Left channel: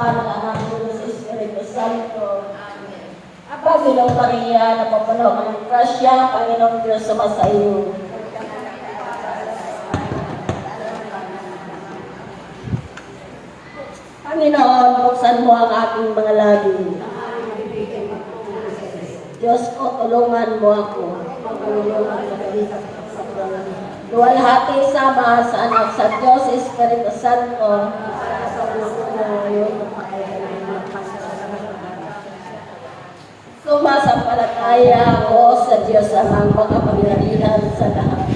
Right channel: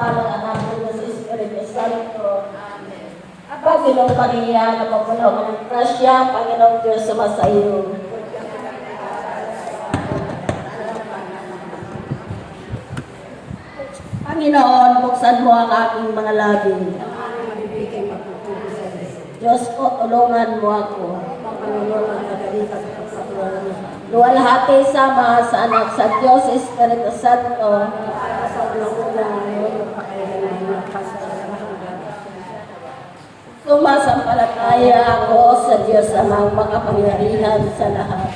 Anak ng Espiritu Santo. Panginoong Maria, napapuno ka ng grasya, Panginoong Diyos sumasa iyo. Panginoon, buksan mo ang aking mga labi. Diyos ko, tulungan mo ako. Luwalhati sama sa anak sa Diyos, Espiritu Santo. Sumasampalataya ako sa Diyos amang makapangyarihan sa lahat.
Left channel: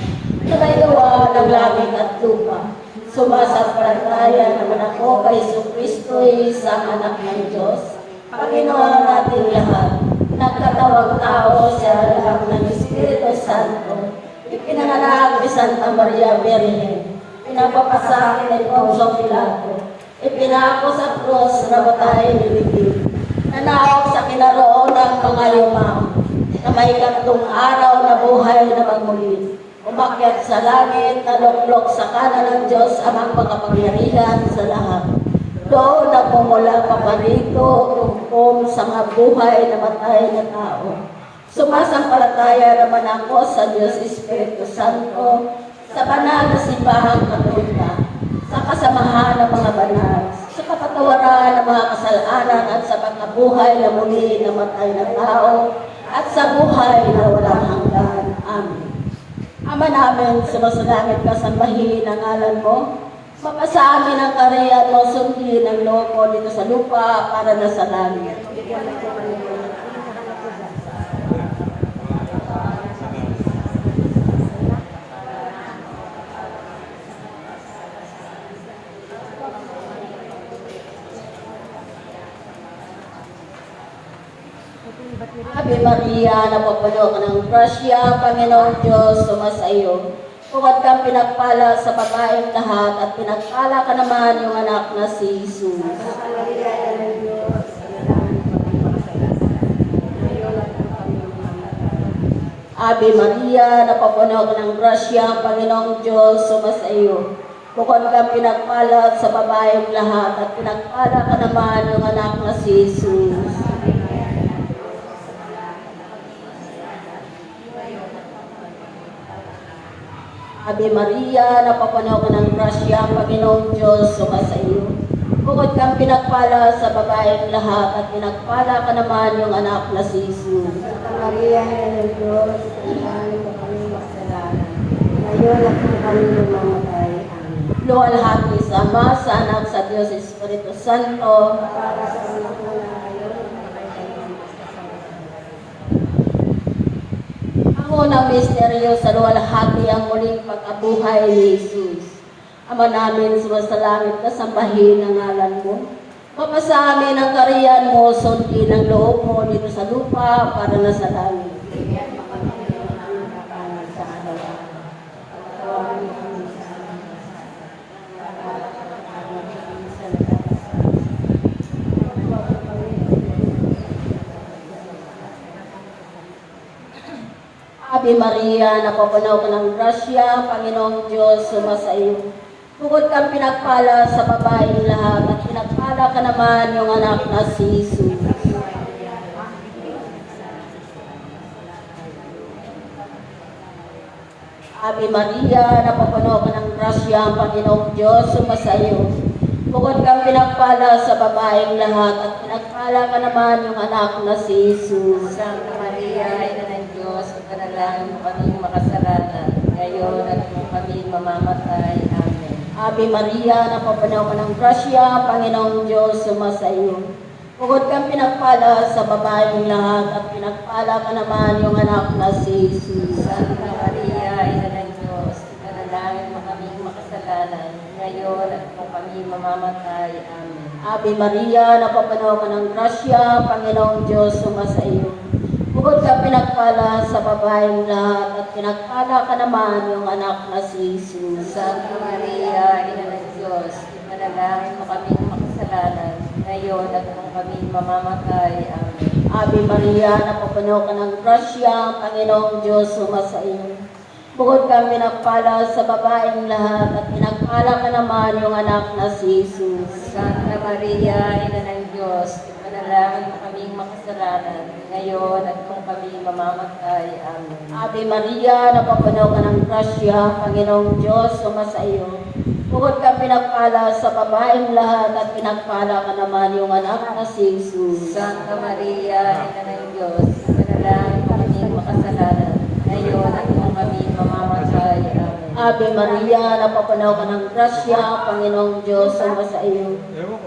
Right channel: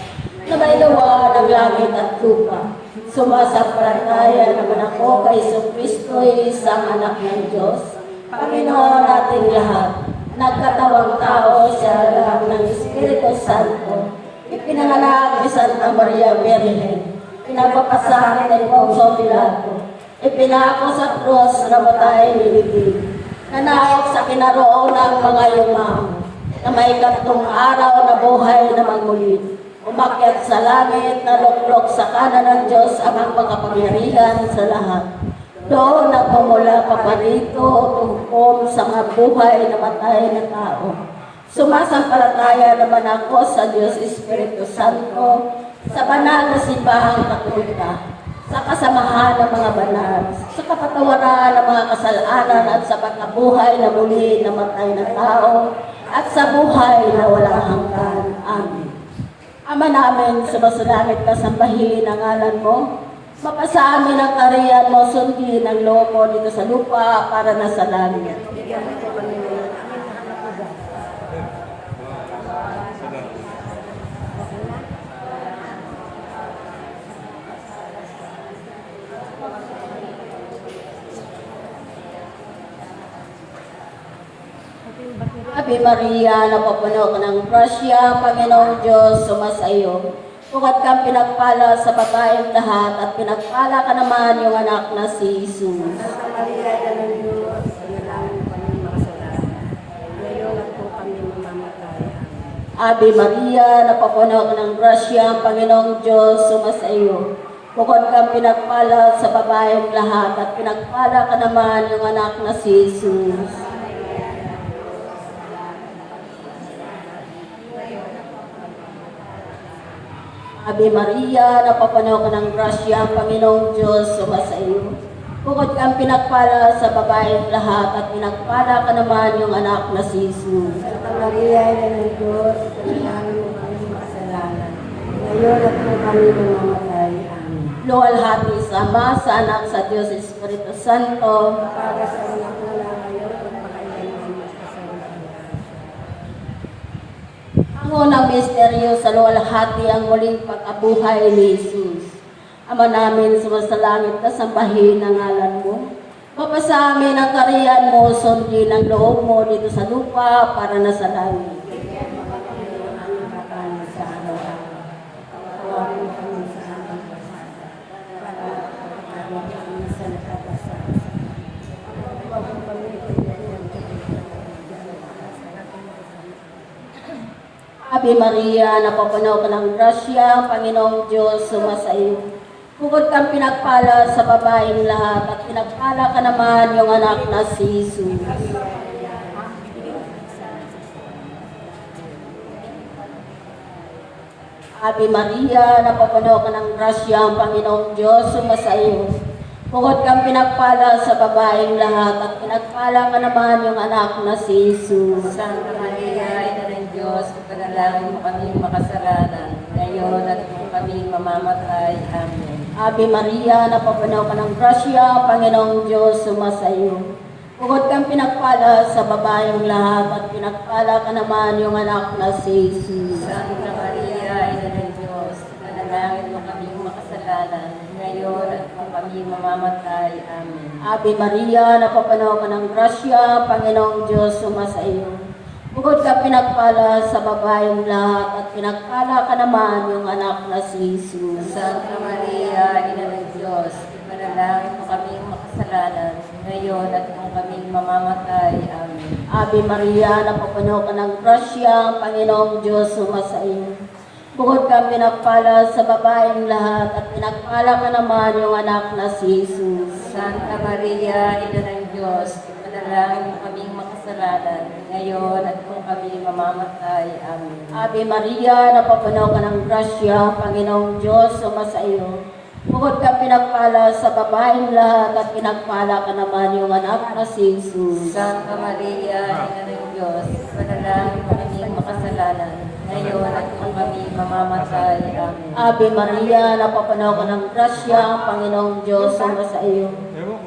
Na may luwa ng langit at lupa. Sumasampalataya naman ako kay Jesucristo, isang anak ng Diyos. Panginoon natin lahat. Nagkatawang tao sa alam ng Espiritu Santo. Ipinanganak ni Santa Maria Virgen. Pinapapasakin ni Poncio Pilato. Ipinako sa krus na matay nilibig. Nanaog sa kinaroon ng mga yumao, na may ikatlong araw na buhay na magmuli. Umakyat sa langit, naluklok sa kanan ng Diyos amang pagkapangyarihan sa lahat. Doon na pumula paparito tungkol sa mga buhay na matay na tao. Sumasampalataya naman ako sa Diyos Espiritu Santo, sa banal na simbahang Katolika, sa kasamahan ng mga banal, sa kapatawaran ng mga kasalanan at sa pagkabuhay na muli na matay na tao at sa buhay na walang hanggan. Amen. Ama namin, sumusulangit ka, sambahin ang ngalan mo. Mapasa amin ang kariyan mo, sundin ang loob mo dito sa lupa para na sa langit. Ave Maria, napapuno ka ng grasya, Panginoong Diyos, sumasa iyo. Huwag kang pinagpala sa babaeng lahat at pinagpala ka naman yung anak na si Jesus. Ave Maria, napapuno ka ng grasya, Panginoong Diyos, sumasa iyo. Huwag kang pinagpala sa babaeng lahat at pinagpala ka naman yung anak na si Jesus. Ave Maria, napapuno ka ng grasya, Panginoong Diyos, sumasa iyo. Bukod kang pinagpala sa babaeng lahat at pinagpala ka naman yung anak na si Jesus. Santa Maria, ina ng Diyos, ipanalangin mo kami makasalanan. Ngayon at kung kami namamatay. Amen. Luwalhati sa Ama, sa Anak, sa Diyos, Espiritu Santo. Para sa mga ngayon at kung Ang unang misteryo sa luwalhati ang muling pagkabuhay ni Jesus. Ama namin, sumasalangit ka, sambahin ang ngalan mo. Mapasa amin ang kariyan mo, sundin ang loob mo dito sa lupa para na sa langit. Ave Maria, napapuno ka ng grasya, Panginoong Diyos, sumasa iyo. Bukod kang pinagpala sa babaeng lahat at pinagpala ka naman yung anak na si Jesus. Ave Maria, napapuno ka ng grasya, Panginoong Diyos, sumasa iyo. Bukod kang pinagpala sa babaeng lahat at pinagpala ka naman yung anak na si Jesus. Santa Maria, ina ng Diyos, ipanalangin mo kami makasalanan. Ngayon at kung kami mamamatay. Amen. Ave Maria, napapuno ka ng grasya, Panginoong Diyos, sumasa iyo. Bukod kang pinagpala sa babaeng lahat at pinagpala ka naman yung anak na si Jesus. Santa Maria, ina ng Diyos, ipanalangin mo kami makasalanan. Ngayon at kung kami mamamatay. Amen. Ave Maria, napapuno ka ng grasya, Panginoong Diyos, sumasa iyo. Bukod kang pinagpala sa babaeng lahat at pinagpala ka naman yung anak na si Jesus. Santa Maria, ina ng Diyos, ipanalangin mo kami makasalanan. Ngayon at kung kami mamamatay. Amen. Ave Maria, napapuno ka ng grasya, Panginoong Diyos, sumasa iyo. Bukod kang pinagpala sa babaeng lahat at pinagpala ka naman yung anak na si Jesus. Santa Maria, Maria, Ina ng Diyos, ipanalangin mo kaming makasalanan, ngayon at kung kami mamamatay. Amen. Ave Maria, napapuno ka ng grasya, Panginoong Diyos, sumasa iyo. Bukod ka pinagpala sa babaeng lahat at pinagpala ka naman yung anak na si Jesus. Santa Maria, Ina ng Diyos, ipanalangin mo kaming makasalanan, ngayon at kung kami mamamatay. Amen. Ave Maria, napapuno ka ng grasya, Panginoong Diyos, sumasa iyo.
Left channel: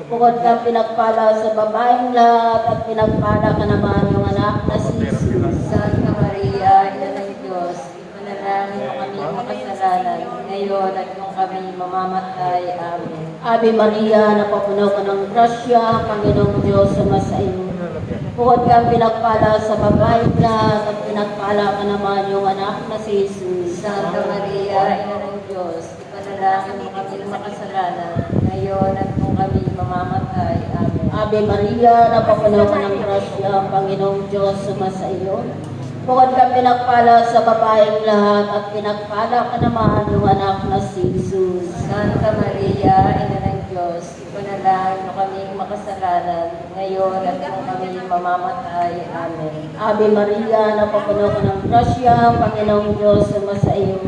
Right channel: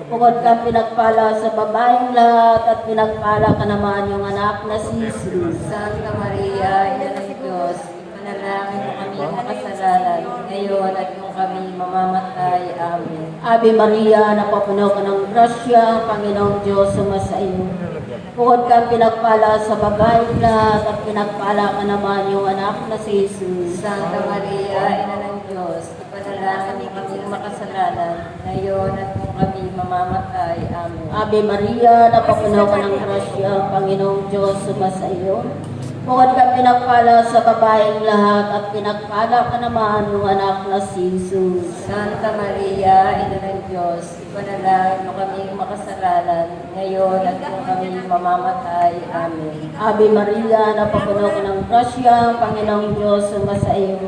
Bukod ka pinagpala sa babaeng lahat at pinagpala ka naman yung anak na si Jesus. Santa Maria, Ina ng Diyos, ipanalangin mo kaming makasalanan, ngayon at kung kami mamamatay. Amen. Ave Maria, napapuno ka ng grasya, Panginoong Diyos, sumasa iyo. Bukod ka pinagpala sa babaeng lahat at pinagpala ka naman yung anak na si Jesus. Santa Maria, Ina ng Diyos, ipanalangin mo kaming makasalanan, ngayon at kung kami mamamatay. Amen. Ave Maria, napapuno ka ng grasya, Panginoong Diyos, sumasa iyo. Bukod ka pinagpala sa babaeng lahat at pinagpala ka naman yung anak na si Jesus. Santa Maria, Ina ng Diyos, ipanalangin mo kaming makasalanan, ngayon at kung kami mamamatay. Amen. Ave Maria, napapuno ka ng grasya, Panginoong Diyos, sumasa iyo.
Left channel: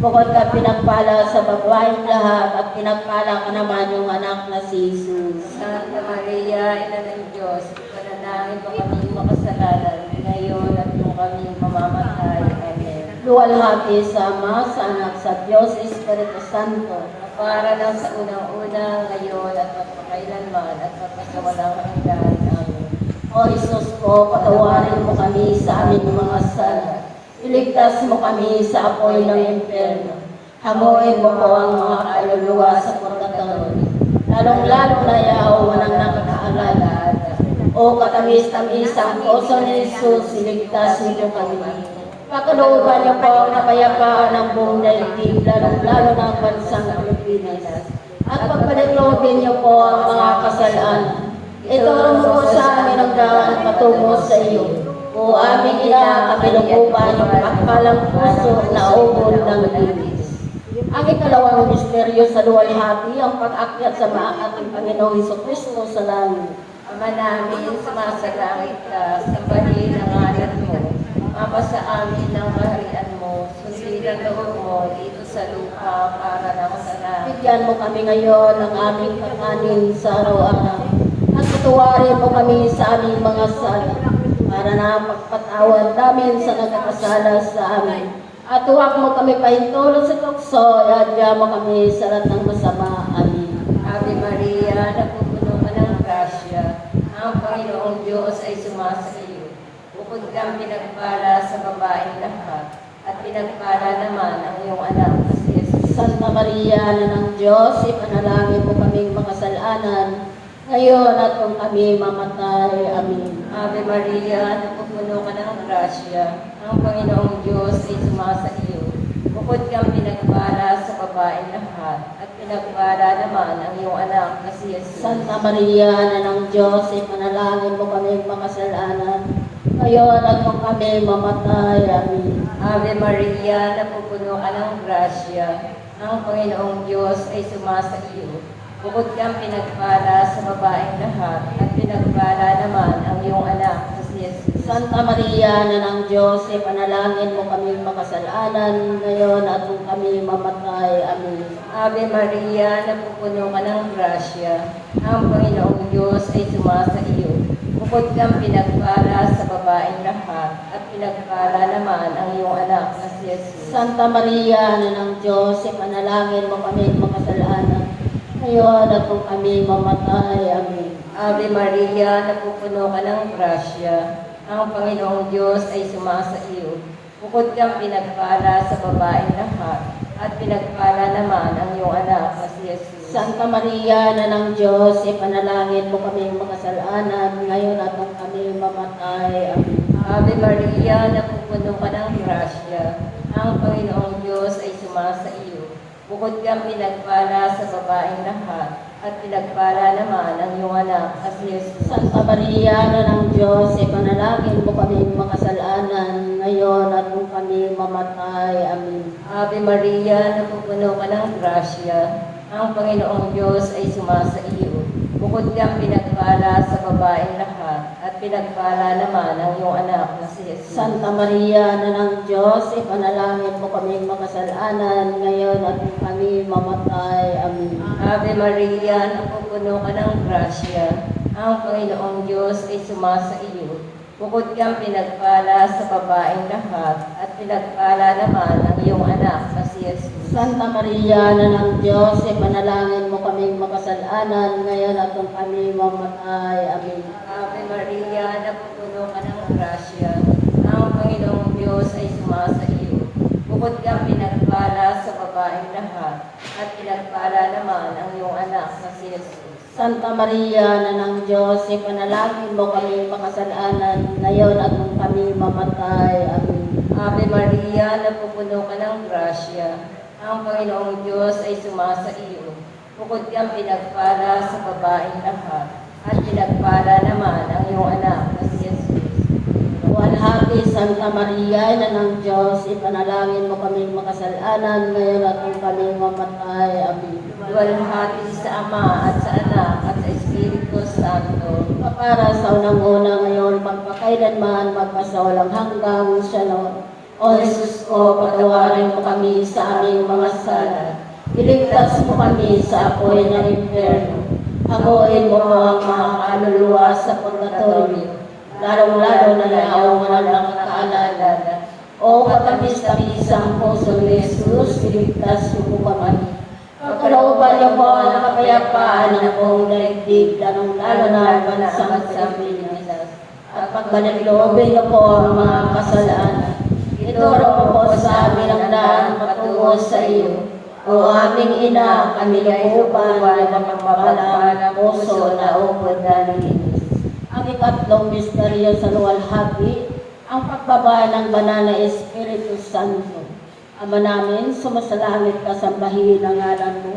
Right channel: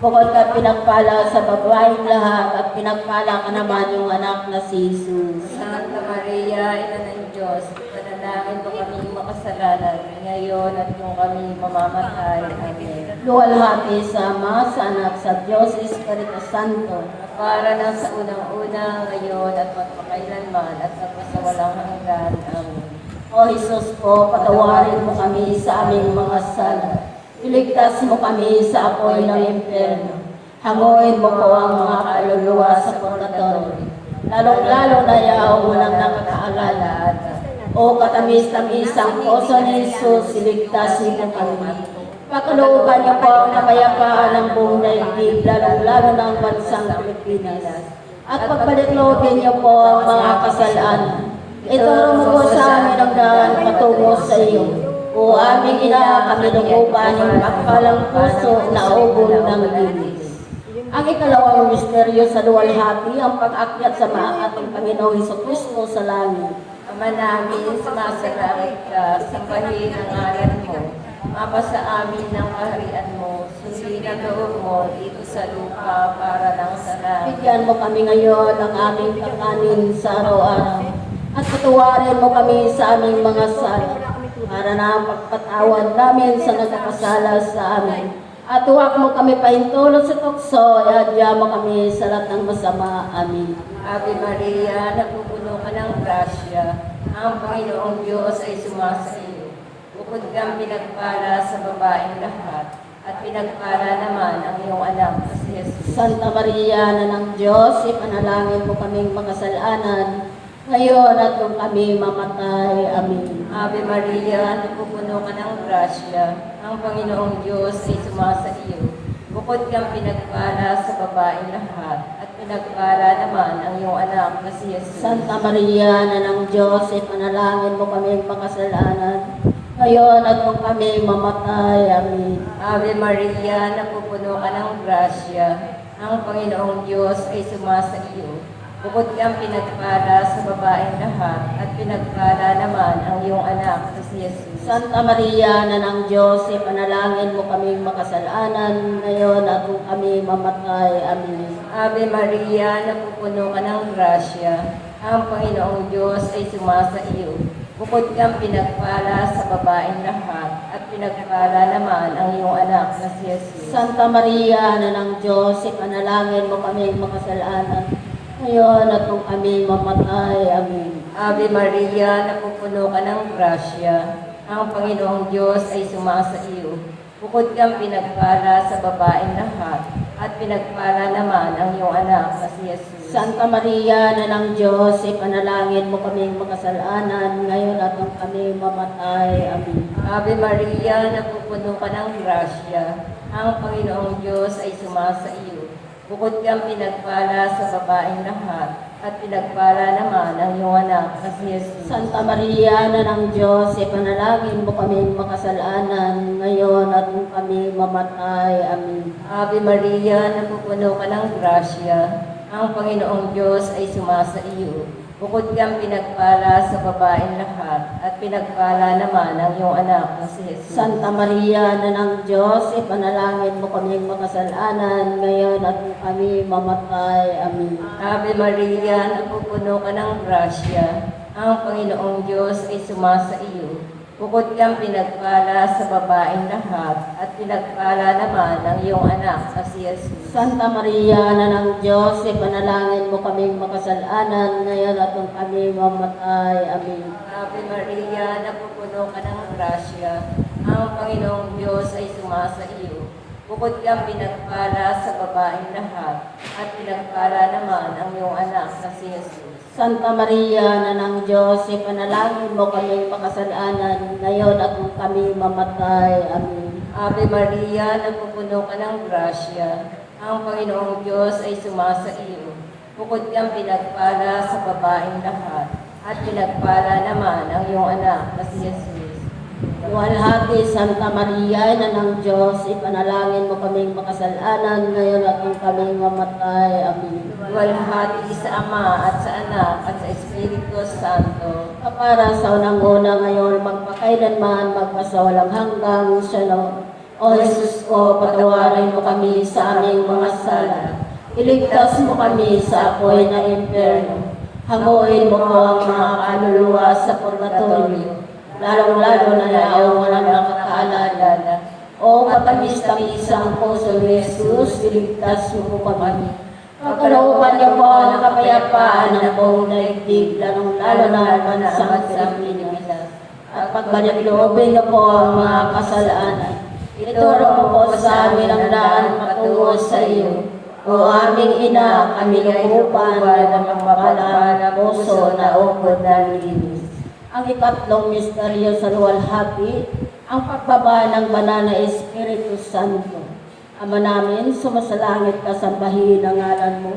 Bukod ka pinagpala sa babaeng lahat at pinagpala ka naman yung anak na si Jesus. Santa Maria, Ina ng Diyos, ipanalangin mo kaming makasalanan, ngayon at kung kami mamamatay. Amen. Luwalhati sa Ama, sa Anak, sa Diyos, Espiritu Santo. Para ng sa unang-una, ngayon at magpakailanman at magpasawalang hanggan. Amen. O Jesus ko, patawarin mo kami sa aming mga sala. Iligtas mo kami sa apoy ng impyerno. Hanguin mo po ang mga kaluluwa sa purgatorio. Lalong-lalo na yaong ng nakakaalala. O katamis-tamisang puso ni Jesus, iligtasin mo kami. Pakalooban niyo po ang kapayapaan ng buong daigdig, lalong-lalo ng bansang Pilipinas. At pagpalikloobin niyo po ang mga kasalanan. Ituro mo po sa amin ang daan patungo sa iyo. O aming ina, kami lukuban yung pakpalang puso na ubol ng linis. Ang ikalawang misteryo sa luwalhati, ang pag-akyat sa ating Panginoong Jesucristo sa langit. Ama namin, sumasalangit ka, sambahin ang ngalan mo. Mapasa amin ang kaharian mo, sundin ang loob mo dito sa lupa para ng sa langit. Bigyan mo kami ngayon ng aming kakanin sa araw-araw. At patuwarin mo kami sa aming mga sala, para na pagpatawad namin sa nagkakasala sa amin. At huwag mo kami pahintulot sa tukso, iadya mo kami sa lahat ng masama. Amen. Ave Maria, napupuno ka ng grasya, ang Panginoong Diyos ay sumasa iyo. Bukod kang pinagpala sa babaeng lahat, at pinagpala naman ang iyong anak na si Jesus. Santa Maria, na ng Diyos, ipanalangin mo kaming makasalanan, ngayon at kung kami mamatay. Amen. Ave Maria, napupuno ka ng grasya, ang Panginoong Diyos ay sumasa iyo. Bukod kang pinagpala sa babaeng lahat, at pinagpala naman ang iyong anak na si Jesus. Santa Maria, na ng Diyos, ipanalangin mo kaming makasalanan, ngayon at kung kami mamatay. Amen. Ave Maria, napupuno ka ng grasya, ang Panginoong Diyos ay sumasa iyo. Bukod kang pinagpala sa babaeng lahat, at pinagpala naman ang iyong anak na si Jesus. Santa Maria, na ng Diyos, ipanalangin mo kaming makasalanan, ngayon at kung kami mamatay. Amen. Ave Maria, napupuno ka ng grasya, ang Panginoong Diyos ay sumasa iyo. Bukod kang pinagpala sa babaeng lahat, at pinagpala naman ang iyong anak na si Jesus. Santa Maria, na ng Diyos, ipanalangin mo kaming makasalanan, ngayon at kung kami mamatay. Amen. Ave Maria, napupuno ka ng grasya, ang Panginoong Diyos ay sumasa iyo. Bukod kang pinagpala sa babaeng lahat, at pinagpala naman ang iyong anak na si Jesus. Santa Maria, na ng Diyos, ipanalangin mo kaming makasalanan, ngayon at kung kami mamatay. Amen. Ave Maria, napupuno ka ng grasya, ang Panginoong Diyos ay sumasa iyo. Bukod kang pinagpala sa babaeng lahat, at pinagpala naman ang iyong anak na si Jesus. Santa Maria, na ng Diyos, ipanalangin mo kaming makasalanan, ngayon at kung kami mamatay. Amen. Ave Maria, napupuno ka ng grasya, ang Panginoong Diyos ay sumasa iyo. Bukod kang pinagpala sa babaeng lahat, at pinagpala naman ang iyong anak na si Jesus. Santa Maria, na ng Diyos, ipanalangin mo kaming makasalanan, ngayon at kung kami mamatay. Amen. Ave Maria, napupuno ka ng grasya, ang Panginoong Diyos ay sumasa iyo. Bukod kang pinagpala sa babaeng lahat, at pinagpala naman ang iyong anak na si Jesus. Santa Maria, na ng Diyos, ipanalangin mo kaming makasalanan, ngayon at kung kami mamatay. Amen. Ave Maria, napupuno ka ng grasya, ang Panginoong Diyos ay sumasa iyo. Bukod kang pinagpala sa babaeng lahat, at pinagpala naman ang iyong anak na si Jesus. Santa Maria, na ng Diyos, ipanalangin mo kaming makasalanan, ngayon at kung kami mamatay. Amen. Ave Maria, napupuno ka ng grasya, ang Panginoong Diyos ay sumasa iyo. Bukod kang pinagpala sa babaeng lahat, at pinagpala naman ang iyong anak na si Jesus. Walhati, Santa Maria, na ng Diyos, ipanalangin mo kaming makasalanan, ngayon at kung kami mamatay. Amen. Walhati sa Ama at sa Anak at sa Espiritu Santo. Para sa unang-una ngayon, magpakailanman, magpasawalang hanggang siya na. O Jesus ko, patawarin mo kami sa aming mga sala. Iligtas mo kami sa apoy ng impyerno. Hanguin mo ko ang mga kaluluwa sa purgatorio, lalong-lalo na yaong walang nakakaalala. O katamis-tamisang puso ni Jesus, iligtas mo po kami. Pagkalooban niyo po ang kapayapaan ng buong daigdig, lalong-lalo na ang bansang Pilipinas. At pagbalik-loobin niyo po ang mga kasalanan. Ituro mo po sa amin ang daan patungo sa iyo. O aming ina, kami nauupan ng mapapalang puso na upod na linis. Ang ikatlong misteryo sa luwalhati, ang pagbaba ng banal na Espiritu Santo. Ama namin, sumasalangit ka, sambahin ang ngalan mo.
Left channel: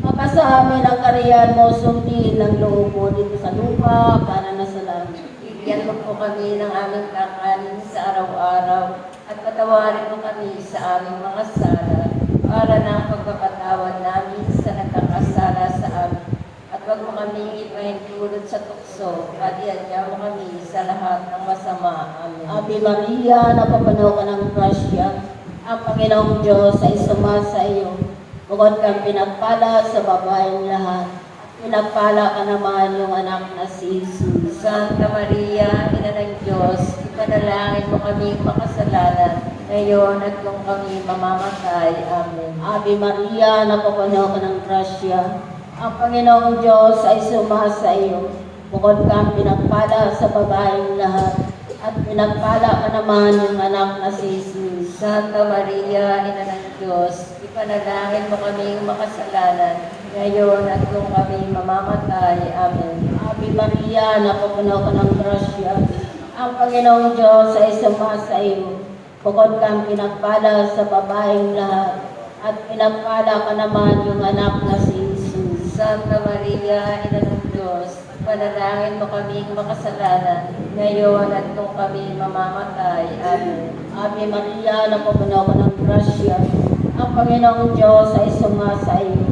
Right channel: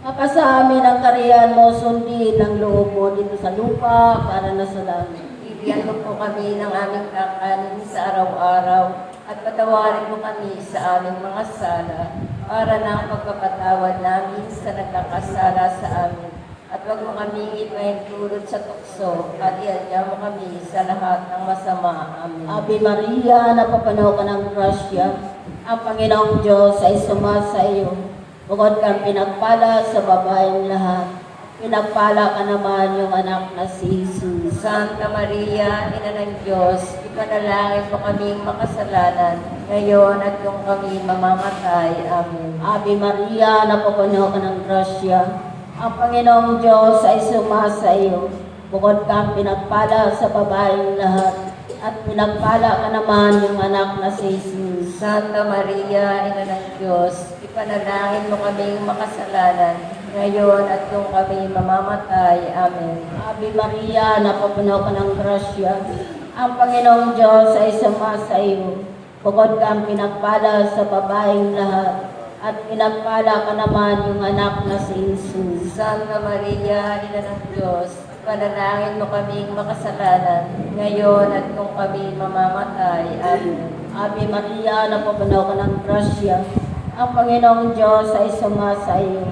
Mapasa amin ang kariyan mo, sundin ang loob mo dito sa lupa para na sa langit. Bigyan mo po kami ng aming kakanin sa araw-araw, at patawarin mo kami sa aming mga sala, para ng pagpapatawad namin sa nagkakasala sa amin. At huwag mo kami ipahintulot sa tukso, at iadya mo kami sa lahat ng masama. Amen. Ave Maria, napapano ka ng grasya, ang Panginoong Diyos ay sumasa iyo. Bukod kang pinagpala sa babaeng lahat, pinagpala ka naman yung anak na si Jesus. Santa Maria, Ina ng Diyos, ipanalangin mo kaming makasalanan, ngayon at kung kami mamamatay. Amen. Ave Maria, napapano ka ng grasya, ang Panginoong Diyos ay sumasa iyo. Bukod kang pinagpala sa babaeng lahat, at pinagpala ka naman yung anak na si Jesus. Santa Maria, Ina ng Diyos, ipanalangin mo kaming makasalanan, ngayon at kung kami mamamatay. Amen. Ave Maria, napapuno ka ng grasya, ang Panginoong Diyos ay sumasa iyo. Bukod kang pinagpala sa babaeng lahat, at pinagpala ka naman yung anak na si Jesus. Santa Maria, Ina ng Diyos, panalangin mo kaming makasalanan, ngayon at kung kami mamamatay. Amen. Ave Maria, napapuno ka ng grasya, ang Panginoong Diyos ay sumasa iyo.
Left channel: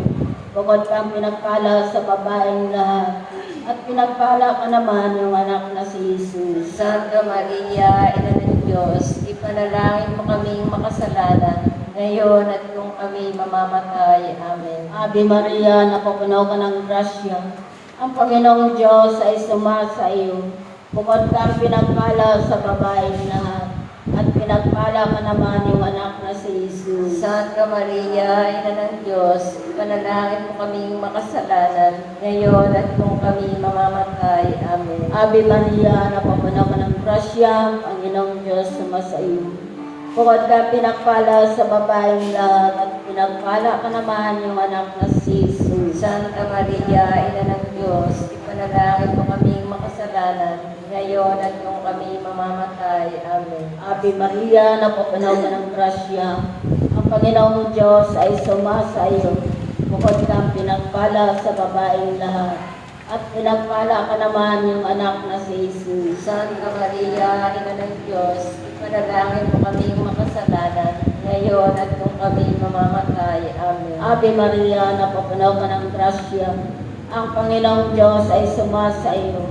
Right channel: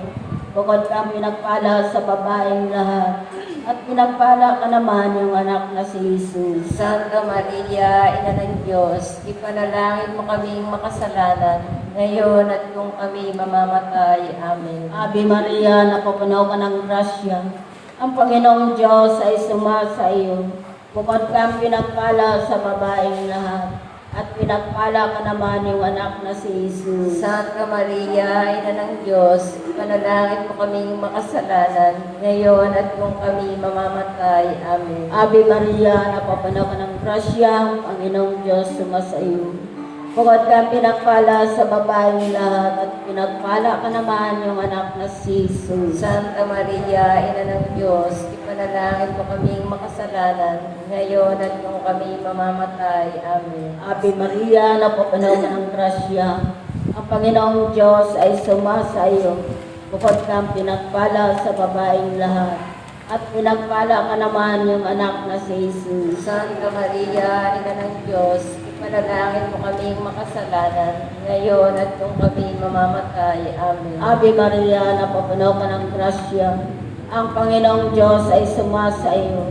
Bukod kang pinagpala sa babaeng lahat, at pinagpala ka naman yung anak na si Jesus. Santa Maria, Ina ng Diyos, ipanalangin mo kaming makasalanan, ngayon at kung kami mamamatay. Amen. Ave Maria, napapuno ka ng grasya, ang Panginoong Diyos ay sumasa iyo. Bukod kang pinagpala sa babaeng lahat, at pinagpala ka naman yung anak na si Jesus. Santa Maria, Ina ng Diyos, ipanalangin mo kaming makasalanan, ngayon at kung kami mamamatay. Amen. Ave Maria, napapuno ka ng grasya, ang Panginoong Diyos sumasa iyo. Bukod kang pinagpala sa babaeng lahat, at pinagpala ka naman yung anak na si Jesus. Santa Maria, Ina ng Diyos, ipanalangin mo kaming makasalanan, ngayon at kung kami mamamatay. Amen. Ave Maria, napapuno ka ng grasya, ang Panginoong Diyos ay sumasa iyo. Bukod kang pinagpala sa babaeng lahat, at pinagpala ka naman yung anak na si Jesus. Santa Maria, Ina ng Diyos, ipanalangin mo kaming makasalanan, ngayon at kung kami mamamatay. Amen. Ave Maria, napapuno ka ng grasya, Ang Panginoong Diyos ay sumasa iyo.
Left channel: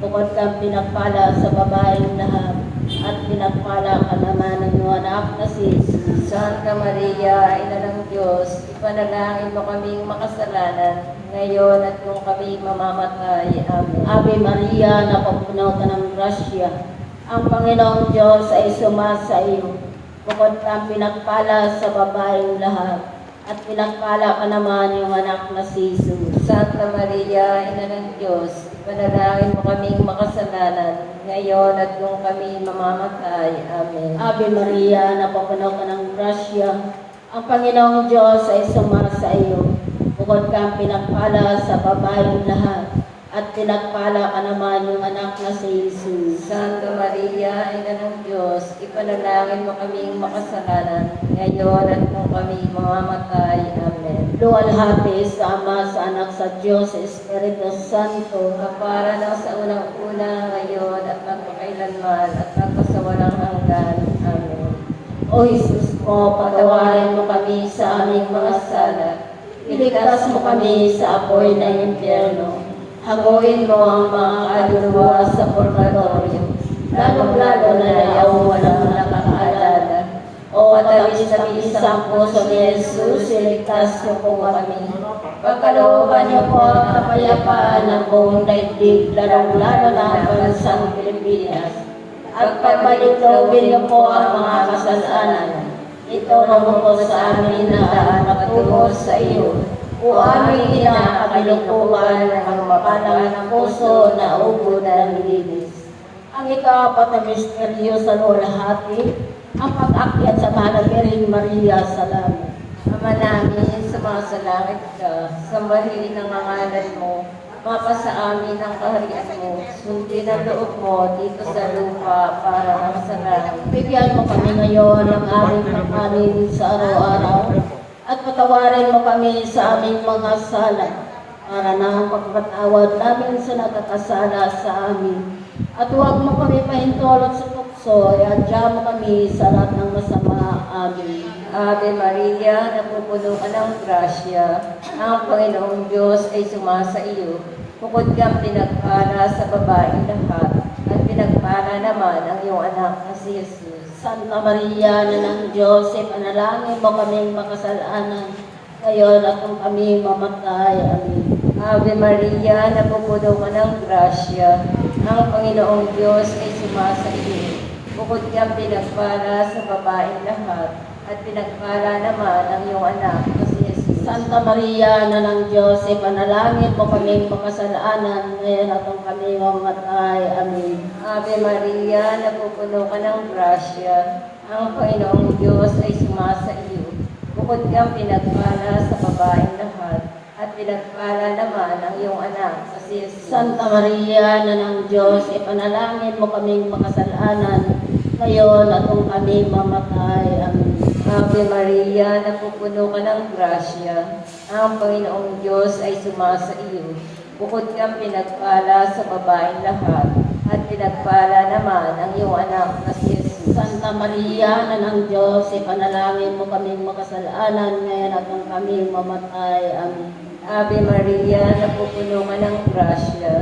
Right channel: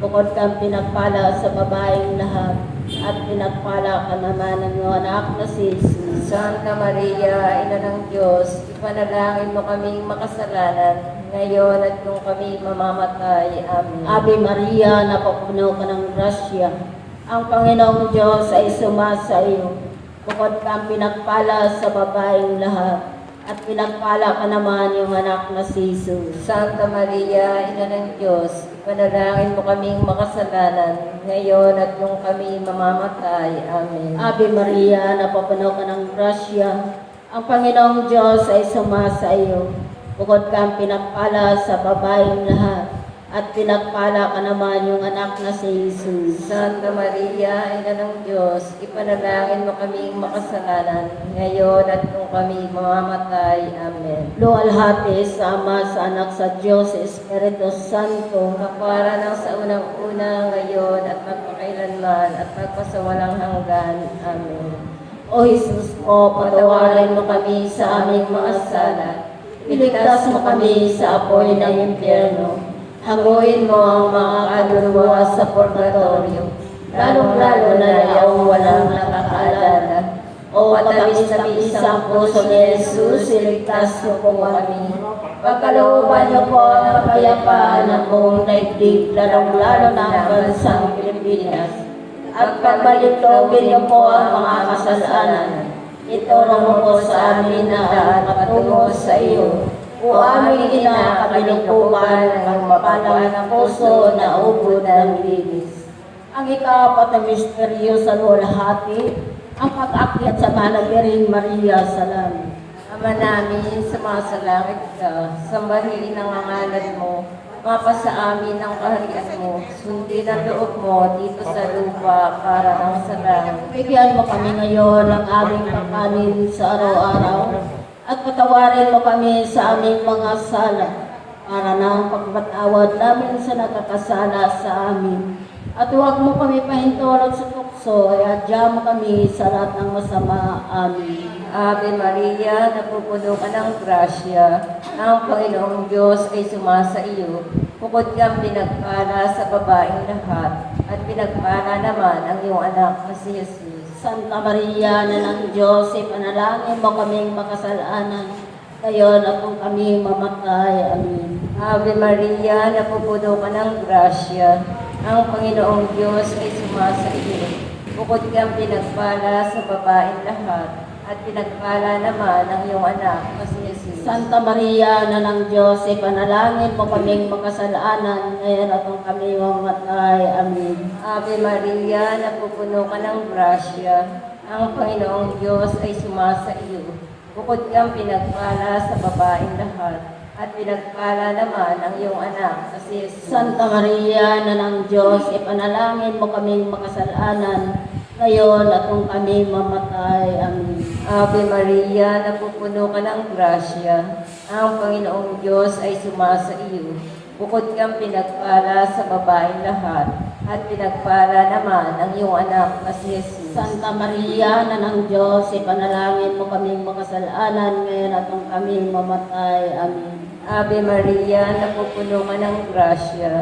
Bukod kang pinagpala sa babaeng lahat, at pinagpala ka naman ng iyong anak na si Jesus. Santa Maria, Ina ng Diyos, ipanalangin mo kaming makasalanan, ngayon at kung kami mamamatay. Amen. Ave Maria, napupuno ka ng grasya. Ang Panginoong Diyos ay sumasa iyo. Bukod kang pinagpala sa babaeng lahat, at pinagpala ka naman yung anak na si Jesus. Santa Maria, Ina ng Diyos, ipanalangin mo kaming makasalanan, ngayon at kung kami mamamatay. Amen. Ave Maria, napupuno ka ng grasya. Ang Panginoong Diyos ay sumasa iyo. Bukod kang pinagpala sa babaeng lahat, at pinagpala ka naman yung anak na si Jesus. Santa Maria, Ina ng Diyos, ipanalangin mo kaming makasalanan, ngayon at kung kami mamamatay. Amen. Luwalhati sa Ama, sa Anak, sa Diyos, sa Espiritu Santo, Kapara ng sa unang-una, ngayon at magpakailanman at magpasawalang hanggan. Amen. O Jesus ko, patawarin mo kami sa aming mga sala. Iligtas mo kami sa apoy ng impyerno. Hanguin mo ang mga kaluluwa sa purgatorio, lalong-lalo na yung walang nakakaalala. O tamis-tamis ang puso ni Jesus, iligtas niyo po kami. Pagkalooban niyo po ang kapayapaan ng buong daigdig, lalong-lalo na ang bansang Pilipinas. At pagbalutogin niyo po ang mga kasalanan. Ito naman po sa amin na daan patungo sa iyo. O aming inakabinukuhan ng mapalang ng puso na ubod ng linis. Ang ika-apat na misteryo sa luwalhati, ang pag-akyat sa mahal na Birheng Maria sa langit. Ama namin, sumasalangit ka, sambahin ang ngalan mo, mapasa amin ang kaharian mo, sundin ang loob mo dito sa lupa para ang sa langit. Bigyan mo kami ngayon ng aming pagkain sa araw-araw, at patawarin mo kami sa aming mga sala, para na ang pagpatawad namin sa nakakasala sa amin. At huwag mo kami pahintulot sa tukso, at adya mo kami sa lahat ng masama. Amen. Ave Maria, napupuno ka ng grasya, ang Panginoong Diyos ay sumasa iyo. Bukod kang pinagpala sa babaeng lahat, at pinagpala naman ang iyong anak na si Jesus. Santa Maria, na ng Diyos, ipanalangin mo kaming makasalanan, ngayon at kung kami mamatay. Amen. Ave Maria, napupuno ka ng grasya, ang Panginoong Diyos ay sumasa iyo. Bukod kang pinagpala sa babaeng lahat, at pinagpala naman ang iyong anak na si Jesus. Santa Maria, na ng Diyos, ipanalangin mo kaming makasalanan, ngayon at kung kami mamatay. Amen. Ave Maria, napupuno ka ng grasya, ang Panginoong Diyos ay sumasa iyo. Bukod kang pinagpala sa babaeng lahat, at pinagpala naman ang iyong anak na si Jesus. Santa Maria, na ng Diyos, ipanalangin mo kaming makasalanan, ngayon at kung kami mamatay. Amen. Ave Maria, napupuno ka ng grasya, ang Panginoong Diyos ay sumasa iyo. Bukod kang pinagpala sa babaeng lahat, at pinagpala naman ang iyong anak na si Jesus. Santa Maria, na ng Diyos, ipanalangin mo kaming makasalanan, ngayon at kung kami mamatay. Amen. Ave Maria, napupuno ka ng grasya,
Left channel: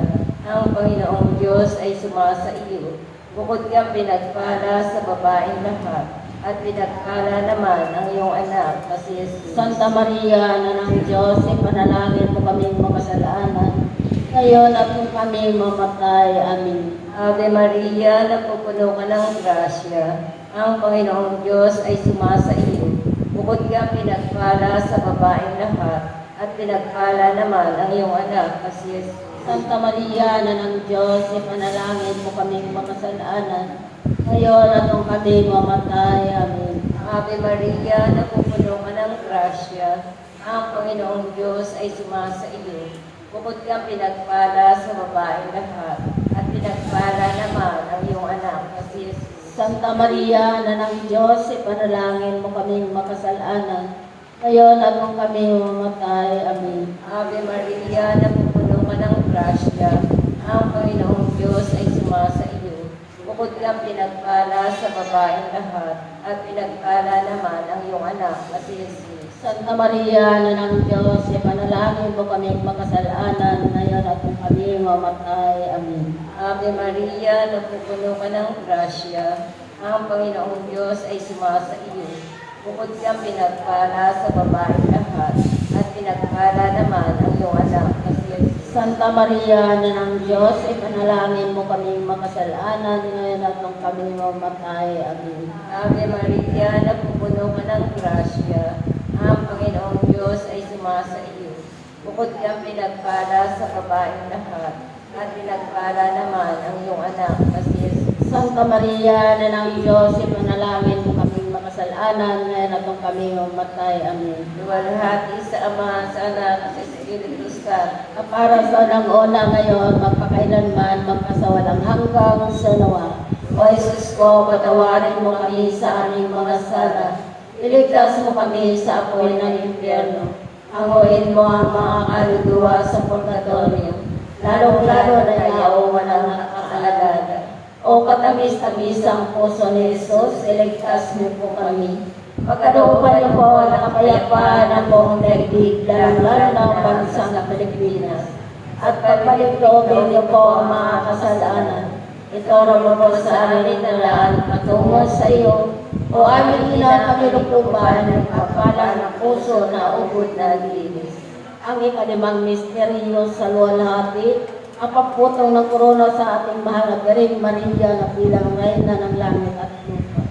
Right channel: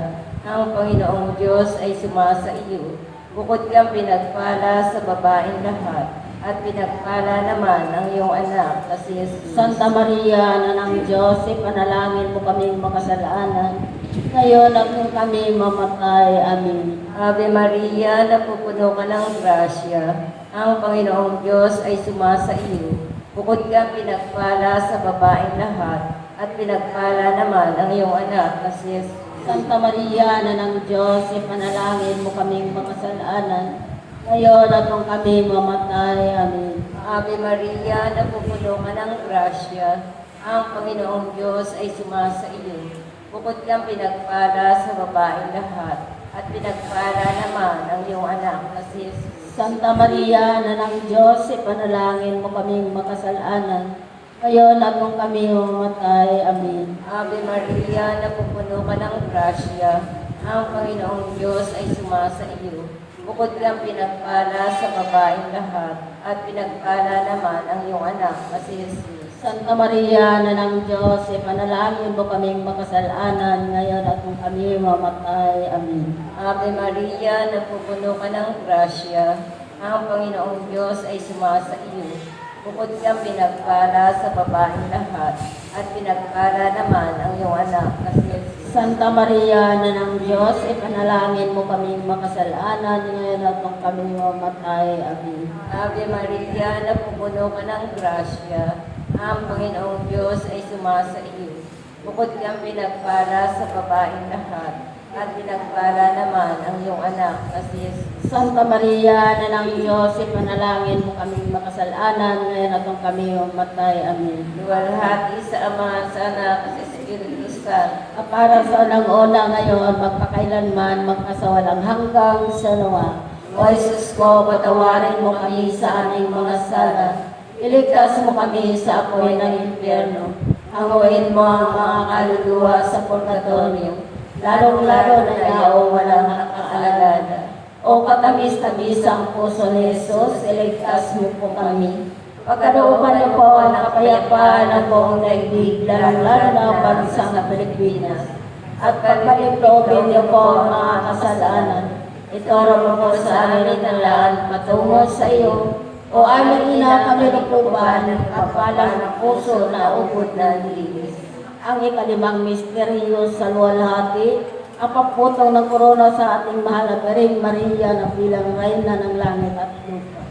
ang Panginoong Diyos ay sumasa iyo. Bukod kang pinagpala sa babaeng lahat, at pinagpala naman ang iyong anak na si Jesus. Santa Maria, na ng Diyos, ipanalangin mo kaming makasalanan, ngayon at kung kami mamatay. Amen. Ave Maria, napupuno ka ng grasya, ang Panginoong Diyos ay sumasa iyo. Bukod kang pinagpala sa babaeng lahat, at pinagpala naman ang iyong anak na si Jesus. Santa Maria, na ng Diyos, ipanalangin mo kaming makasalanan, ngayon at kung kami mamatay. Amen. Ave Maria, napupuno ka ng grasya, ang Panginoong Diyos ay sumasa iyo. Bukod kang pinagpala sa babaeng lahat, at pinagpala naman ang iyong anak na si Jesus. Santa Maria, na ng Diyos, ipanalangin mo kaming makasalanan, ngayon at kung kami mamatay. Amen. Ave Maria, napupuno ka ng grasya, ang Panginoong Diyos ay sumasa iyo. Bukod kang pinagpala sa babaeng lahat, at pinagpala naman ang iyong anak na si Jesus. Santa Maria, na ng Diyos, ipanalangin mo kaming makasalanan, ngayon at kung kami mamatay. Amen. Ave Maria, napupuno ka ng grasya. Ang Panginoong Diyos ay sumasa iyo. Bukod kang pinagpala sa babaeng lahat, at pinagpala naman ang iyong anak na si Jesus. Santa Maria, na ng Diyos, ipanalangin mo kaming makasalanan, ngayon at kung kami mamatay. Amen. Ave Maria, napupuno ka ng grasya. Ang Panginoong Diyos ay sumasa iyo. Bukod kang pinagpala sa babaeng lahat, at pinagpala naman ang iyong anak na si Jesus. Santa Maria, na ng Diyos, ipanalangin mo kaming makasalanan, ngayon at kung kami mamatay. Amen. Luwalhati sa Ama, sa Anak, at sa Espiritu Santo. Para sa unang-una ngayon, magpakailanman, magpasawalang hanggang sa nawa. O Jesus ko, patawarin mo kami sa aming mga sala. Iligtas mo kami sa apoy ng impyerno. Hanguin mo ang mga kaluluwa sa purgatorio, lalong-lalo na yaong walang nakakaalala. O katamis-tamis ang puso ni Jesus, iligtas mo po kami. Pagkalooban niyo po ng kapayapaan ng buong daigdig, lalong-lalo na ang bansang Pilipinas. At pagpalitoobin niyo po ang mga kasalanan. Ituro mo po sa amin na lahat patungo sa iyo. O aming ina kami lupuban, kapala ng puso na ubod na linis. Ang ikalimang misteryo sa luwalhati, ang pagputong ng korona sa ating mahal na Birhen Maria na bilang reyna ng langit at lupa.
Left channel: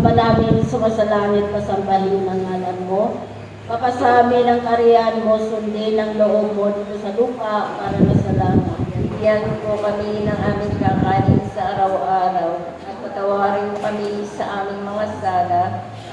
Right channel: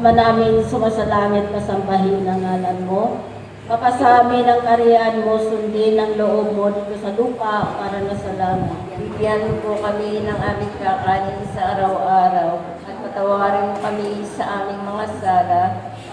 Ama namin, sumasalangit, pasambahin ng ngalan mo. Kapasa amin ang kariyan mo, sundin ang loob mo dito sa lupa para na sa langit. Bigyan po kami ng aming kakanin sa araw-araw, at patawarin kami sa aming mga sala,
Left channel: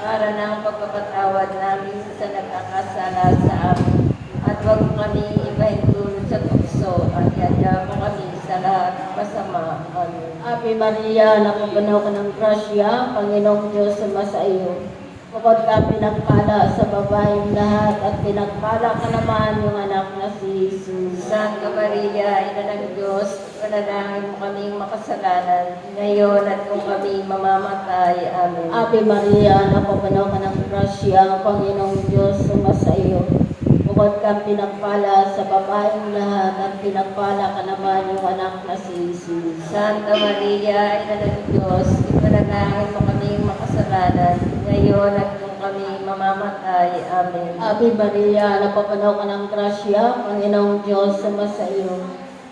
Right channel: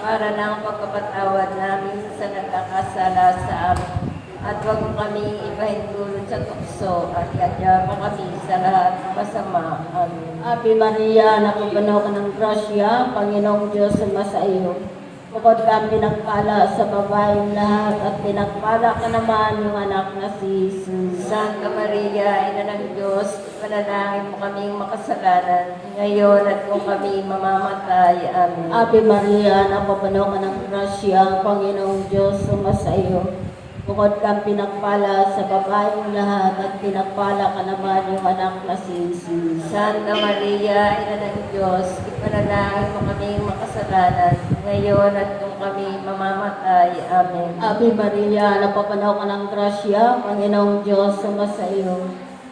para na ang pagpapatawad namin sa nagkakasala sa amin. At huwag kami ipahintulot sa tukso, at iadya kami sa lahat ng masama. Amen. Ave Maria, napupuno ka ng grasya, Panginoong Diyos sumasa iyo. Bukod ka pinagpala sa babaeng lahat, at pinagpala ka naman yung anak na si Jesus. Santa Maria, Ina ng Diyos, panalangin mo kaming makasalanan, ngayon at kung kami mamamatay. Amen. Ave Maria, napupuno ka ng grasya, Panginoong Diyos sumasa iyo. Bukod kang pinagpala sa babaeng lahat, at pinagpala ka naman yung anak na si Jesus. Santa Maria, Ina ng Diyos, ipanalangin mo kaming makasalanan, ngayon at kung kami mamamatay. Amen. Ave Maria, napupuno ka ng grasya, Panginoong Diyos sumasa iyo.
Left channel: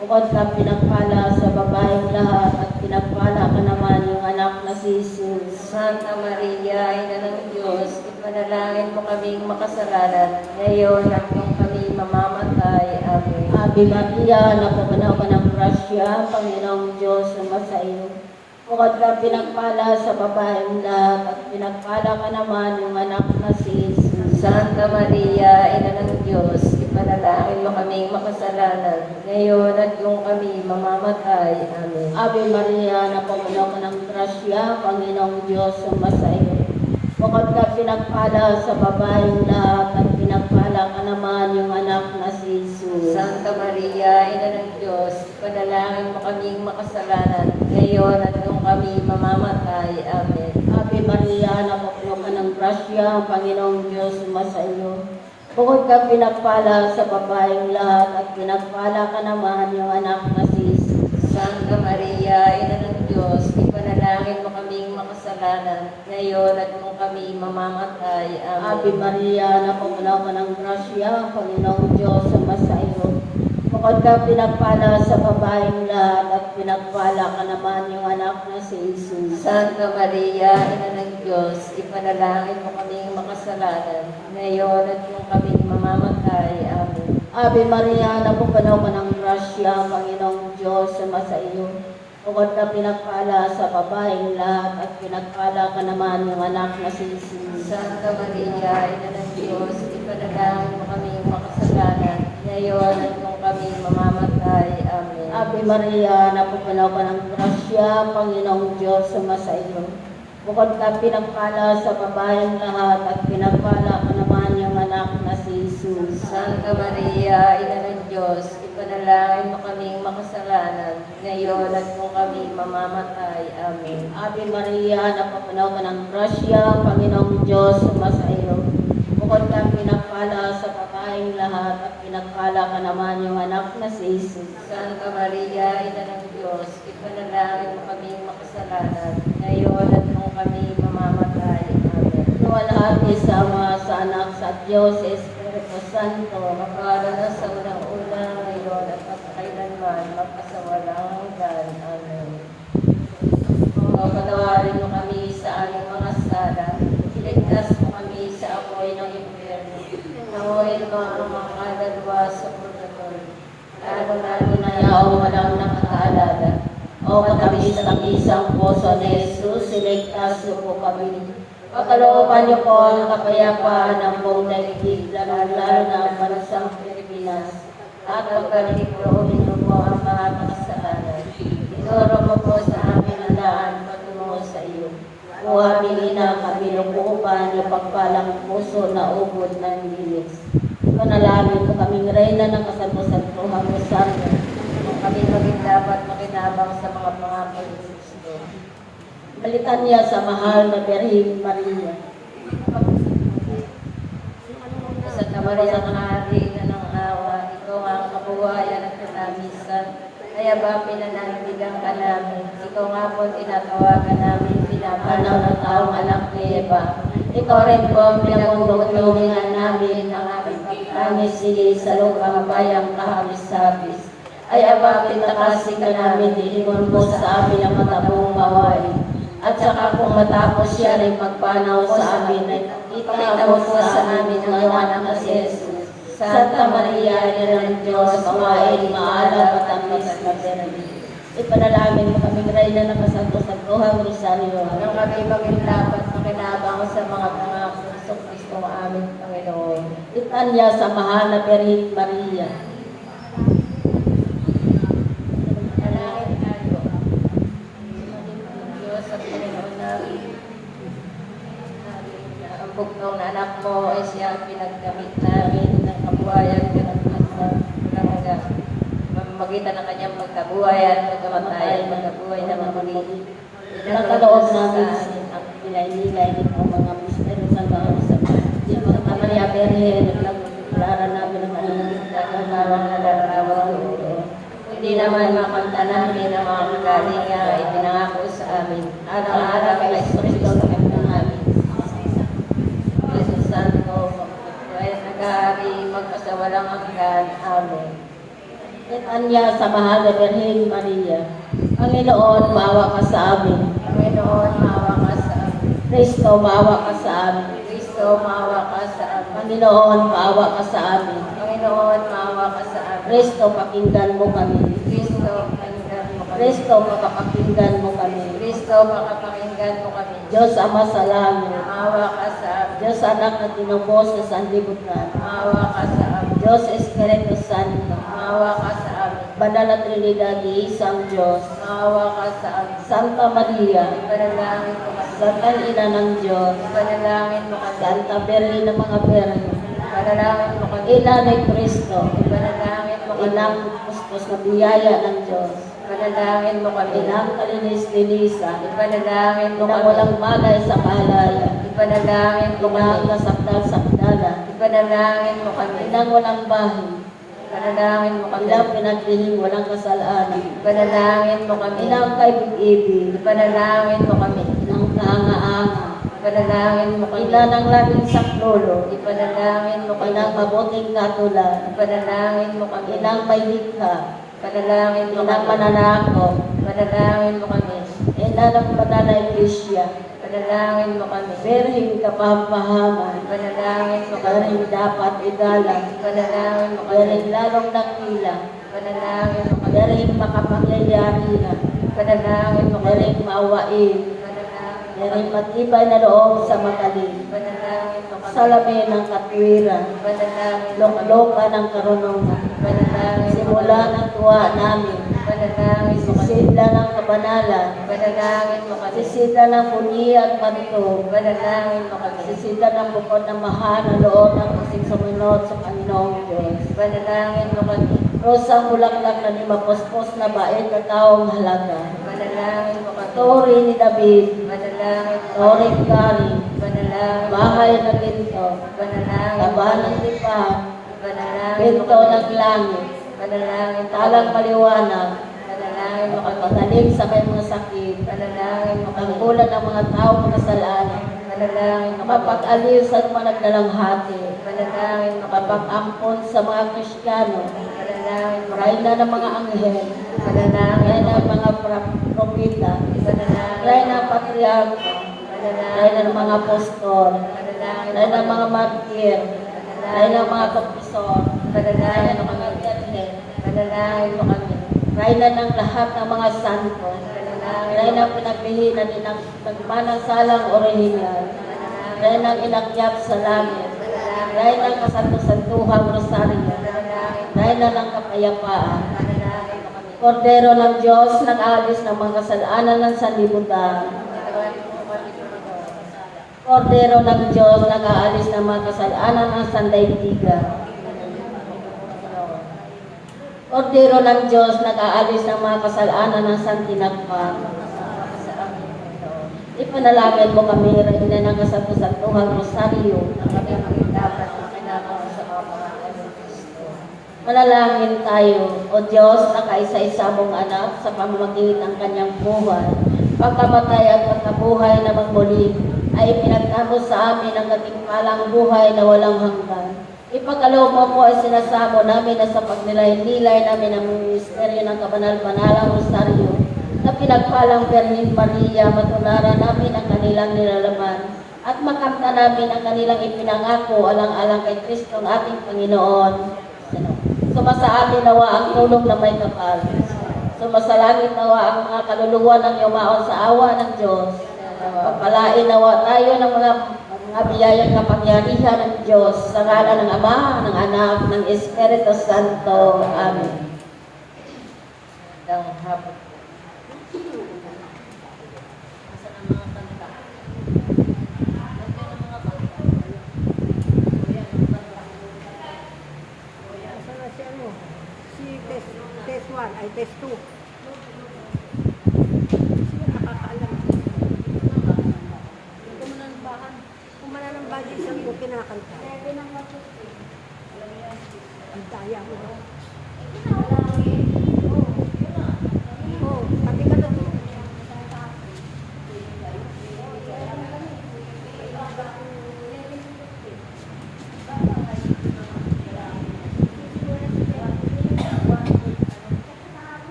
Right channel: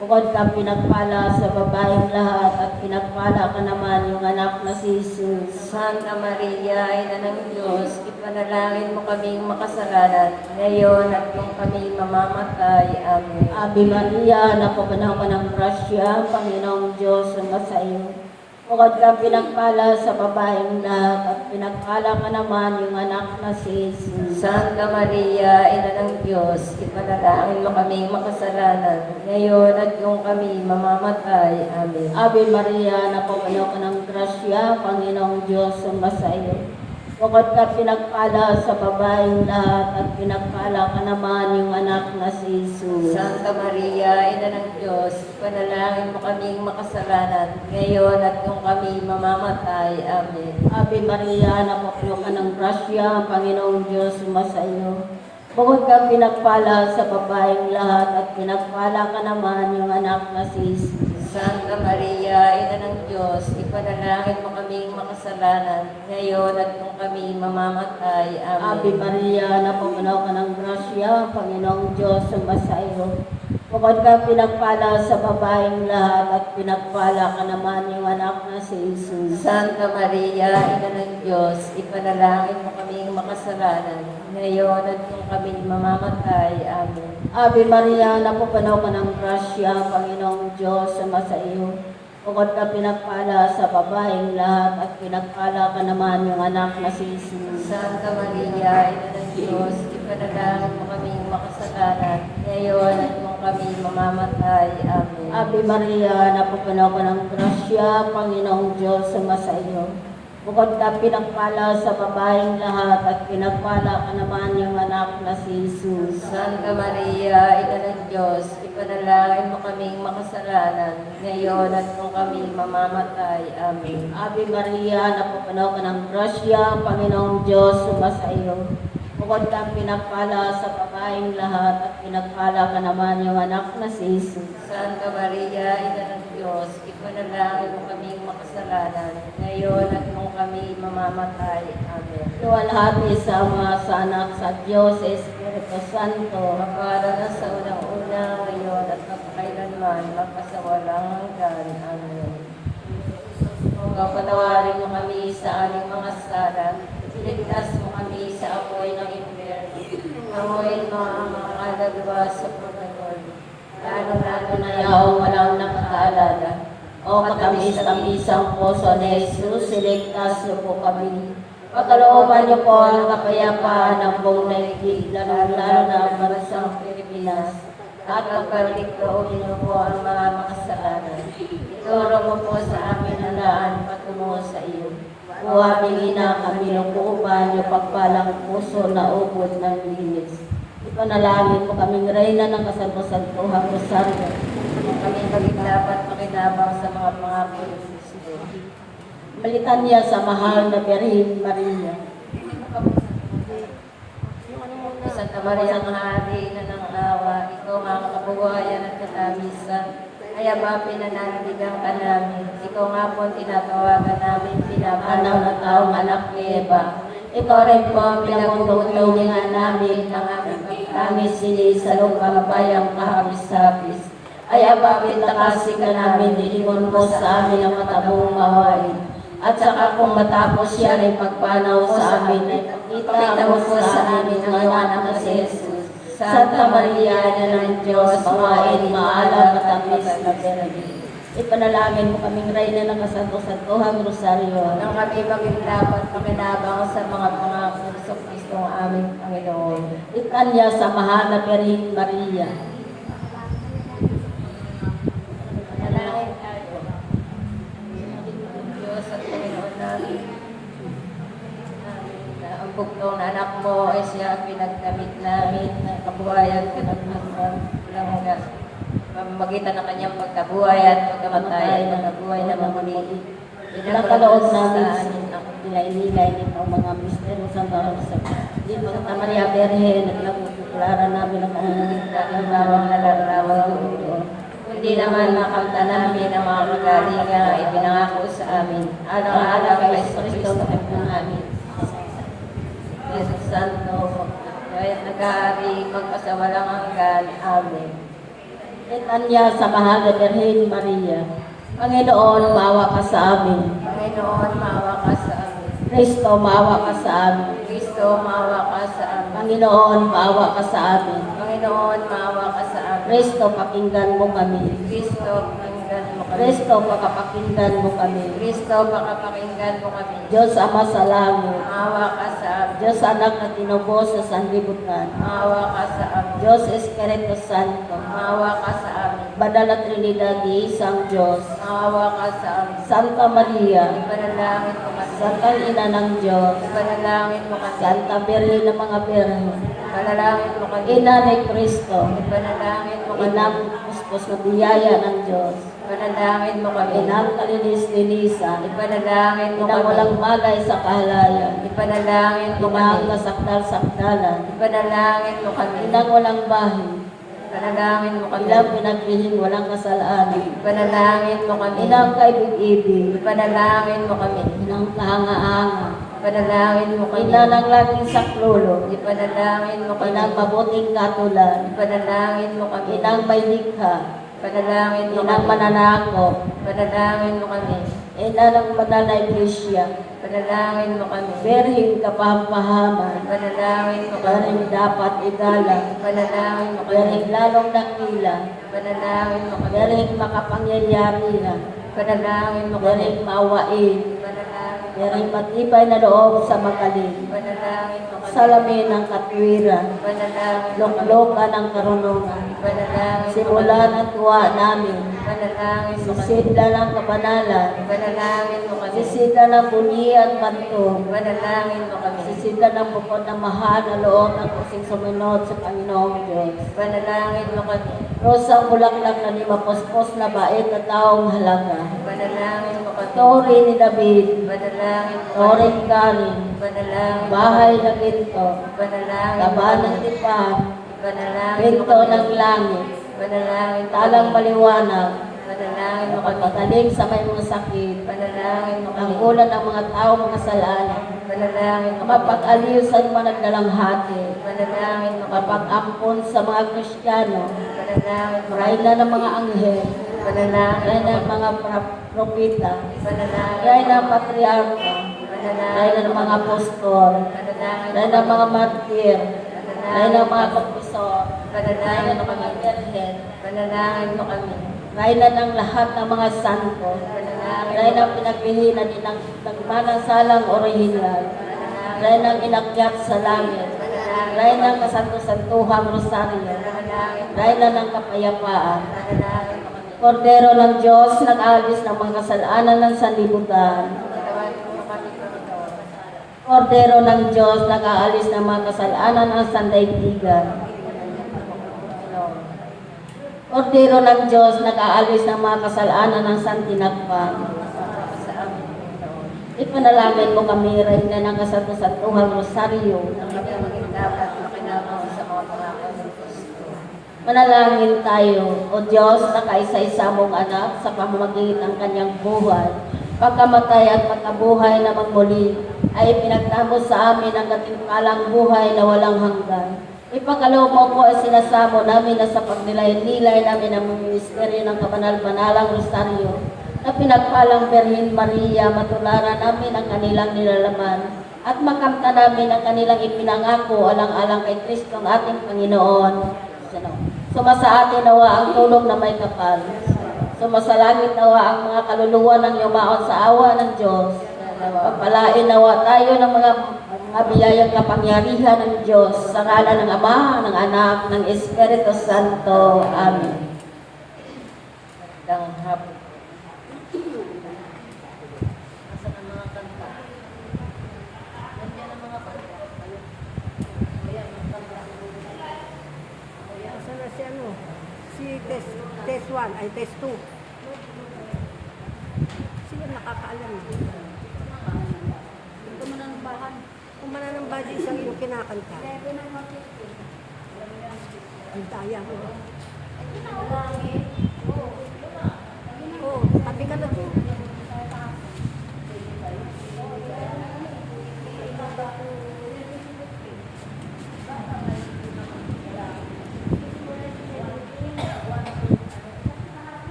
Bukod kang pinagpala sa babaeng lahat, at pinagpala ka naman yung anak na si Jesus. Santa Maria, Ina ng Diyos, ipanalangin mo kaming makasalanan, ngayon at kung kami mamamatay. Amen. Ave Maria, napupuno ka ng grasya, Panginoong Diyos sumasa iyo. Bukod kang pinagpala sa babaeng lahat, at pinagpala ka naman yung anak na si Jesus. Santa Maria, Ina ng Diyos, ipanalangin mo kami makasalanan, ngayon at kung kami mamamatay. Amen. Ave Maria, napupuno ka ng grasya, Panginoong Diyos sumasa iyo. Bukod ka pinagpala sa babaeng lahat, at pinagpala ka naman yung anak na si Jesus. Santa Maria, Ina ng Diyos, ipanalangin mo kaming makasalanan, ngayon at kung kami mamamatay. Amen. Ave Maria, napupuno ka ng grasya, Panginoong Diyos sumasa iyo. Bukod ka pinagpala sa babaeng lahat, at pinagpala ka naman yung anak na si Jesus. Santa Maria, Ina ng Diyos, ipanalangin mo kaming makasalanan, ngayon at kung kami mamamatay. Amen. Ave Maria, napupuno ka ng grasya, Panginoong Diyos sumasa iyo. Bukod ka pinagpala sa babaeng lahat, at pinagpala ka naman yung anak na si Jesus. Santa Maria, Ina ng Diyos, ipanalangin mo kaming makasalanan, ngayon at kung kami mamamatay. Amen. Ave Maria, napupuno ka ng grasya, Panginoong Diyos sumasa iyo. Bukod ka pinagpala sa babaeng lahat, at pinagpala ka naman yung anak na si Jesus. Santa Maria, Ina ng Diyos, ipanalangin mo kaming makasalanan, ngayon at kung kami mamamatay. Amen. Ave Maria, napupuno ka ng grasya, Panginoong Diyos sumasa iyo. Bukod ka pinagpala sa babaeng lahat, at pinagpala ka naman yung anak na si Jesus. Santa Maria, Ina ng Diyos, ipanalangin mo kaming makasalanan, ngayon at kung kami mamamatay. Amen. Ave Maria, napupuno ka ng grasya, Panginoong Diyos sumasa iyo. bukod kang pinagpala sa babaeng lahat at pinagpala ka naman yung anak na si Jesus. Santa Maria, Ina ng Diyos, ipanalangin mo kaming makasalanan, ngayon at nung kami mamamatay. Amen. Luwalhati sa Ama, sa Anak, sa Diyos, sa Espiritu Santo, Mapala na sa unang-una, ngayon at magkailanman, magpasawalang hanggan. Amen. Pagpatawarin mo kami sa aming mga sala, iligtas mo kami sa apoy ng impyerno. Panguhin mo ang mga kaluluwa sa purgatorio, lalo na Yaong walang nakakaalala. O katamis-tamisang puso ni Jesus, siligtas niyo po kami. Pagkalooban niyo po ang kapayapaan ng buong daigdig, lalo na para sa Pilipinas. at pagkaligloobin mo po ang mga kasalanan. Ituro mo po sa amin ang daan patungo sa iyo. O aming ina, kami nukuban yung pagpalang puso na ubod ng lilis. Manalangin po kaming reyna ng kasampusan-tuhang Rosario. Kami maging dapat makinabang sa mga pangako ni Kristo. Balikan niya sa mahal na Birhen Maria. Santa Maria ng Hari na ng awa, ito ang kabuhayan at katamisan. Kaya ba pinananaligan ka namin? Ikaw nga po tinatawagan namin Anaw na taong anak ni Eva. Ito rin po ang pinagulong-tulungan namin ng aming pagkamisili sa lupang bayang kahabis-habis. Ay abapin takasi ka namin, dilimon mo sa amin ang matabong mawain. At saka kung matapos siya ay magpanaw sa amin, ay kita mo sa amin ang iyong anak na si Jesus. Santa Maria, Ina ng Diyos, mawain, maalam at tamis na Birhen. Ipanalangin mo kaming reyna ng kasampusan-tuhang Rosario. Nang kami maging dapat makinabang sa mga pangako sa Kristo ang aming Panginoon. Itanya sa mahal na Birhen Maria. Manalangin tayo. Diyos at Panginoon namin. Ang bugtong na anak mo ay siya ang pinagdamit namin ng kabuhayan ng magitan ng kanyang pagkabuhay at pagkamatay, pagkabuhay na mamuli. Nakaloob namin sa nilay-nilay ng mga mistero sa mga isang. Dito sa Maria Birhen, naglaran namin ang mga naglarawang ulo. Hindi naman makanta namin ang mga magalinga ay pinangako sa amin. Alang-alang kay Kristo ng amin. Jesus Santo, kaya nag-aari magkasawalang hanggan. Amen. Itanya sa mahal na Birhen Maria. Panginoon, maawa ka sa amin. Panginoon, maawa ka sa amin. Kristo, maawa ka sa amin. Kristo, maawa ka sa amin. Panginoon, maawa ka sa amin. Panginoon, maawa ka sa amin. Kristo, pakinggan mo kami. Kristo, pakinggan mo kami. Kristo, pakapakinggan mo kami. Kristo, pakapakinggan mo kami. Diyos Ama sa langit. Maawa ka sa amin. Diyos Anak na tinubos sa sanlibutan. Maawa ka sa amin. Diyos Espiritu Santo. Maawa ka sa amin. Banal na Trinidad ni isang Diyos. Maawa ka sa amin. Santa Maria. Ipanalangin mo kami. Santa Ina ng Diyos. Ipanalangin mo kami. Santa Birhen ng mga Birhen. Ipanalangin mo kami. Ina ni Kristo. Ipanalangin mo kami. Inang kustos na biyaya ng Diyos. Ipanalangin mo kami. Inang kalinis-linisan. Ipanalangin mo Inang kami. walang bagay sa kahalayan. Ipanalangin mo Inang kami. nasakdal-sakdalan. Ipanalangin mo kami. Inang walang bahay. Ipanalangin mo kami. Inang pinagpiling walang kasalanan. Ipanalangin mo kami. Inang kaibig-ibig. Ipanalangin mo kami. Inang kaanga-anga. Ipanalangin mo kami. Ina ng laging saklolo. Ipanalangin mo kami. Inang mabuting katulan. Ipanalangin mo kami. Inang may likha. Ipanalangin mo Inang kami. mananakop. Ipanalangin mo kami. Ina ng banal na iglesia. Ipanalangin mo kami. Birhen kapampahaman. Ipanalangin mo kami. Birhen dapat igalang. Ipanalangin mo kami. Birhen lalong dakila. Ipanalangin mo kami. Birhen makapangyayari na. Ipanalangin mo kami. Birhen maawain. Ipanalangin mo Birhen kami. matibay na loob sa magaling. Ipanalangin mo kami. Salamin ng katwiran. Ipanalangin mo kami. Lokloka ng karunungan. Ipanalangin mo Simula kami. ng tuwa namin. Ipanalangin mo kami. Sisidla ng kabanalan. Ipanalangin mo kami. Sisidla ng buni at bantog. Ipanalangin mo kami. Sisidla ng bukod na mahal na loob ng kasing sumunod sa Panginoong Diyos. Ipanalangin mo kami. Rosang bulaklak na di mapospos na bait na taong halaga. Ipanalangin mo kami. Tori ni David. Ipanalangin mo kami. Tori Karin. Ipanalangin mo bahay na ginto, Ipanalangin mo labahan kami. ng tipahan, Ipanalangin mo pinto kami. ng langit, Ipanalangin mo talang kami. maliwanag, Ipanalangin mo kami. pagpagaling sa may mga sakit, Ipanalangin mo kami. tanggulan ng mga tao mga salaan, Ipanalangin mo kami. mapag-aliw sa mga nagdalamhati, Ipanalangin mo kami. mapag-ampon sa mga Kristiyano, Ipanalangin mo kami. rayna ng mga anghel, Ipanalangin rayna mo ng kami. mga propeta, Ipanalangin rayna mo ng kami. patriarka, Ipanalangin rayna ng mga apostol, Ipanalangin rayna ng mo mga kami. martir, rayna ng mga kapisor, rayna Ipanalangin ng mo mga kami. virgen, Ipanalangin mo kami. rayna ng lahat ng mga santo, rayna ng pinagbihinan ng nagmanang salang orihinal, rayna ng inakyat sa langit, rayna ng kasanto-santuhang rosaryo, rayna ng kapayapaan, Kordero ng Diyos, nag-alis ng mga kasalanan ng sanlibutan. Kordero ng Diyos, nag-aalis ng mga kasalanan ng sandaigdigan. Kordero ng Diyos, nag-aalis ng mga kasalanan ng santinakpan. Ipanalangin mo kami, Reyna ng kasanto-santuhang rosaryo. Manalangin tayo, O Diyos, na kaisa-isa mong anak sa pamamagitan ng kanyang buhay. Pagkamatay at pagkabuhay na magmuli, ay ipinagtamo sa amin ang katimpalang buhay na walang hanggan. Ipagkaloob mo po ay sinasamo namin na sa pagnilay-nilay namin ang ministeryo ng kabanal-banalang rosaryo na pinagpalang Birhen Maria, matularan namin ang kanilang nilalaman at makamta namin ang kanilang ipinangako alang-alang kay Kristo ang ating Panginoon. Sumasa atin nawa ang tulog na may kapal. Sumasalangit nawa ang mga kaluluwa ng yumaon sa awa ng Diyos. Pagpalain nawa tayo ng mga biyayang kapangyarihan ng Diyos sa ngalan ng Ama, ng Anak, ng Espiritu Santo. Amen. Magandang hapon. Nasaan ang mga kanta? Nandiyan ang mga kanta. O yan, ang kanta. O yan. Si ano? Si test 1 ay test 2. Sila nakakaalam. Ito man ang bahan. Kung mananambad isang yung kinakanta. Ang daya mo. Oo, pati ka doon.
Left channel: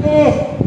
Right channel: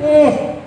Yes.